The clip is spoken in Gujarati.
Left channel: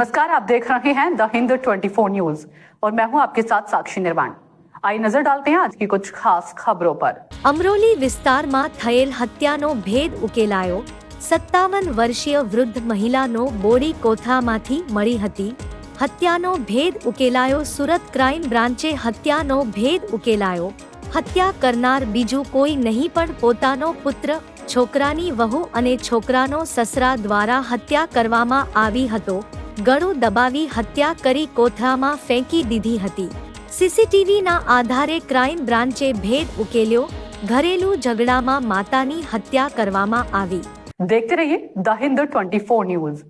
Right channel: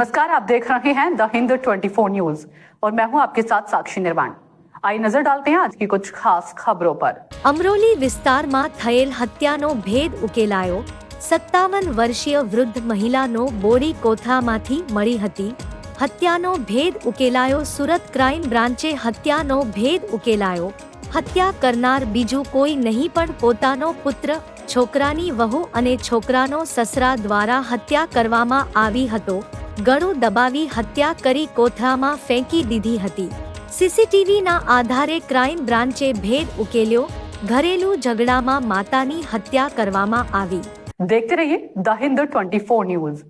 नमस्कार, आप देख रहे हैं द हिंद 24 न्यूज और मैं हूं आपके साथ साक्षी निर्वाण। आइए नजर डालते हैं आज की कुछ खास खबरों पर। અમરોલી વિસ્તારમાં થયેલ હત્યાનો ભેદ ઉકેલાયો। 57 વર્ષીય વૃદ્ધ મહિલાનો બોડી કોથળામાંથી મળી હતી। હત્યાનો ભેદ ઉકેલાયો। સુરત ક્રાઇમ બ્રાન્ચે હત્યાનો ભેદ ઉકેલાયો। હત્યા કરનાર બીજું કોઈ નહીં પણ પોતાનો પુત્ર, છોકરાની વહુ અને છોકરાનો સસરા દ્વારા હત્યા કરવામાં આવી હતો। ગળું દબાવી હત્યા કરી કોથળામાં ફેંકી દીધી હતી। સીસીટીવીના આધારે ક્રાઇમ બ્રાન્ચે ભેદ ઉકેલ્યો। ઘરેલુ ઝઘડામાં માતાની હત્યા કરવામાં આવી। देखते रहिए द हिंद 24 न्यूज।